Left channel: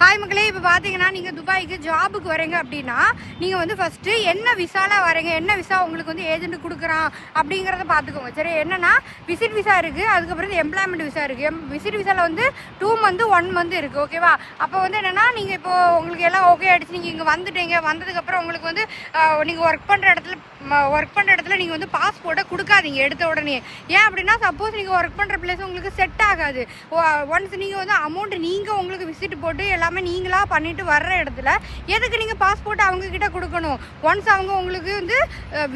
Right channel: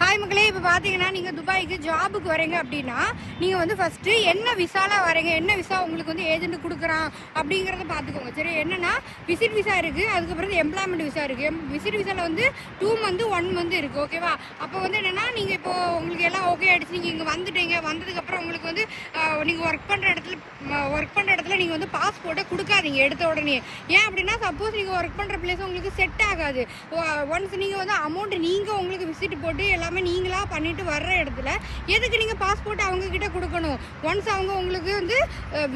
Hi மக்களே, இப்போ பார்த்தீங்கன்னா நீங்கள் துபாய்க்கு ஜாபுக்கு வரீங்க அப்படின்னா நீங்கள் வந்து ஃபஸ்ட்டு என்ன விசாவில் வரீங்க, என்ன விசா உங்களுக்கு வந்து ஏஜென்ட் கொடுக்குறான் அப்படிங்கிறத பார்த்துக்கோங்க. சரி, என்னன்னா விசிட் விசா இருக்குது, அதுக்கப்புறம் எம்ப்ளாய்மெண்ட் விசா இருக்குது. விசிட் விசாவில் வந்து 2 மந்த் 1 மந்த் இருக்குது. ஓகேவா? அப்போ வந்து என்னென்னா நீங்கள் இப்போ உங்களுக்கு எல்லாம் ஓகே ஆகிடுச்சு, நீங்கள் இங்கே வந்துட்டீங்க. வந்ததுக்கப்புறம் உங்களுக்கு வந்து நீங்கள் ஒர்க் பண்ணுற இடத்துல நீங்கள் வந்து பாஸ்போர்ட்டை கொடுக்காதீங்க எடுத்த உடனே. ஏன் அப்படின்னா சப்போஸ் நீங்கள் ஒர்க் பண்ணுற பிளேஸ் உங்களுக்கு செட் ஆகாது. ஒன்ஸ் நீங்கள் வந்து அமௌண்ட் நீங்கள் உங்களுக்கு விசிட் போட்டு எல்லாமே நீங்களா பண்ணிட்டு வர்ற இடத்துல எதுக்கு நீங்க பாஸ்போர்ட் அவங்க கிட்ட கொடுக்கணும்? ஒன்ஸ் அவங்க உங்களுக்கு வந்து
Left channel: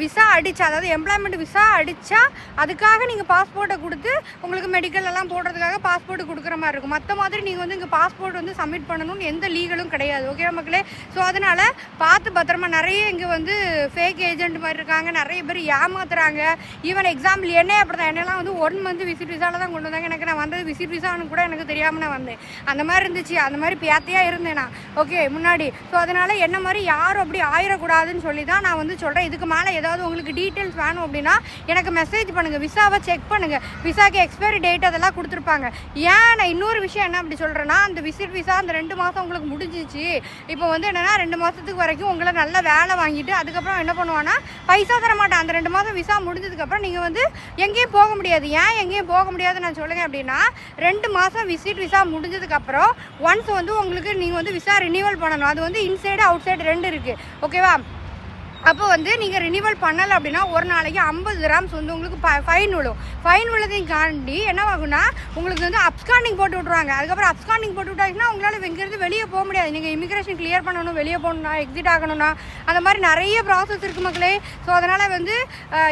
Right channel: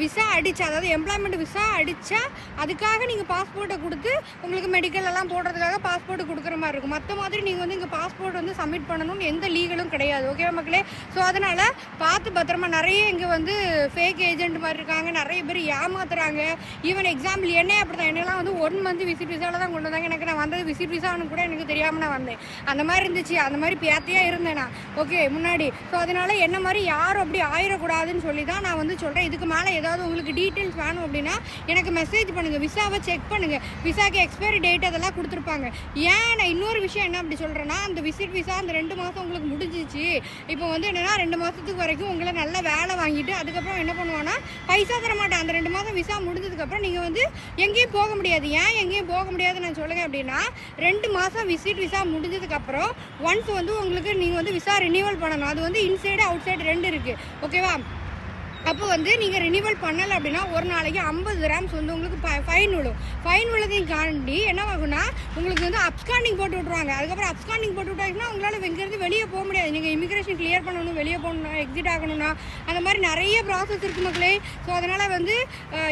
விசா அடிச்சா, அதாவது எம்ப்ளாய்மெண்ட் விசா அடிச்சா அதுக்காக நீங்க பாஸ்போர்ட்டை கொடுத்து உங்களுக்கு மெடிக்கல் எல்லாம் போடுறதுக்காக பாஸ்போர்ட் கொடுக்குற மாதிரி இருக்கும். மற்ற மாதிரி நீங்க வந்து இங்க பாஸ்போர்ட் வந்து சப்மிட் பண்ணணும்னு எந்த லீகலும் கிடையாது. ஓகே மக்களே? ஸோ அதனால பார்த்து பத்திரமா. நிறைய இங்க வந்து ஃபேக் ஏஜென்ட் மாதிரி இருக்காங்க, நிறைய பேர் ஏமாத்துறாங்க. ஈவன் எக்ஸாம்பிள் என்ன அப்படிதான், என்னெல்லாம் வந்து 1 மந்த் விசிட் விசால தான் கொண்டு வந்தாங்க. எனக்கு நான் வந்தது விசிட் விசான்னு கூட எனக்கு தெரியாம நான் வந்தேன். அந்த மாதிரி இருந்துச்சு, அந்த மாதிரி இருந்தேனா ஓகே முன்னாடி. ஸோ அதனால என்ன மாதிரி யாரும் அப்படி ஆயிடக்கூடாதுன்னு சொல்லி தான் நான் வந்து சொல்றேன். இதுக்கு மேலே ஏதாவது உங்களுக்கு டீட்டெயில்ஸ் வேணும் அப்படின்னா எனக்கு மெசேஜ் பண்ணுங்க, விசாவை செக் பண்ணுங்க. விசாக்கு எக்ஸ்பைரி டேட் அதெல்லாம் கொடுத்துருப்பாங்க. ஏன் நான் இன்னொரு விஷயம் என்ன அப்படி சொல்றேன்னா, அந்த விசிட் விசா அந்த 2 மாசம் உங்களுக்கு முடிஞ்சிச்சு. இப்போ வந்து என்னன்னா 2 மாசத்துக்கு வரைக்கும் உங்களை நல்ல வேலை வாங்கிட்டு அதுக்கப்புறம் என்ன பண்ணுவான்னா பைசா தர மாட்டேன். அந்த 2 மாசம் விசா முடிஞ்சதுக்கு அப்புறம் நீங்க வந்து எங்கேயும் போக முடியாது. ஏன் எங்கேயும் போக முடியாது நான் சொல்லுங்க அப்படின்னா, 2 மாசம் விசிட் விசா முடிஞ்சதுக்கு அப்புறம் ஒன்ஸ் வந்து உங்களுக்கு நீங்க வந்து விசா ரினிவல் பண்ணணும். அது வந்து இன்சைடு அவுட் சைடு 2 இருக்கு. ஓகேவா? அப்போ வந்து நீங்கள் ரினிவல் பண்ணலை அப்படின்னா ஒரு நாளைக்கு 50 dirhams வந்து உங்களுக்கு ஃபைன் விழும். ஃபைன் விழுதையும் தாண்டி என்ன ஆகும்னா உங்களுக்கு வந்து அப்ஸ்காண்டிங் போட்டு விட்ருவாங்க. அதுக்கப்புறம் அப்ஸ்காண்டிங் போட்டு விட்டாங்கன்னா உங்களால் இங்கேருந்து வெளியே போக முடியாது. நீங்கள் இமிகிரேஷன் கிளியர் பண்ணணும், வெளியே போகணும்னா, எக்ஸிட் ஆகணும்னா, அந்த மாதிரி நிறைய ப்ராசஸ் இருக்குது மக்களே. ஸோ அதனால் வந்து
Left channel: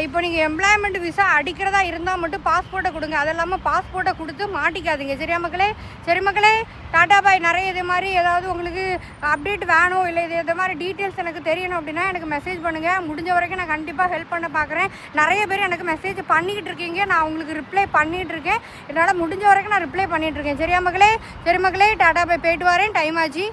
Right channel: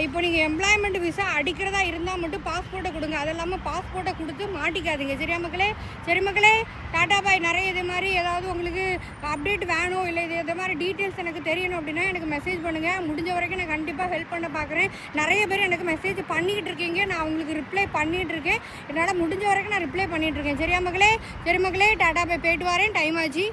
இப்போ நீங்கள் எம்ப்ளாய்மெண்ட் விசா அடிக்கிறதா இருந்தால் மட்டும் பாஸ்போர்ட்டை கொடுங்க. அது இல்லாமல் பாஸ்போர்ட்டை கொடுத்து மாட்டிக்காதீங்க. சரியா மக்களே? சரி மக்களே, டாடா பாய். நிறைய இது மாதிரி ஏதாவது உங்களுக்கு அப்டேட் வேணும், இல்லை இது மாதிரி டீட்டெயில்ஸ் எனக்கு தெரியணும் அப்படின்னா எனக்கு மெசேஜ் பண்ணுங்க. முடிஞ்ச வரைக்கும் நான் கண்டிப்பா ஹெல்ப் பண்ண பாக்குறேன். நிறைய பேர் எனக்கு மெசேஜ் பண்ணிட்டு இருக்கீங்க, நான் உங்களுக்கு ரிப்ளை பண்ணிட்டு இருக்கேன். என்னால முடிஞ்ச வரைக்கும் நான் ரிப்ளை பண்ணிட்டு இருக்கேன். சரியா மக்களே? சரி மக்களே, டாடா பை. போயிட்டு வரேன், டைம் ஆச்சு.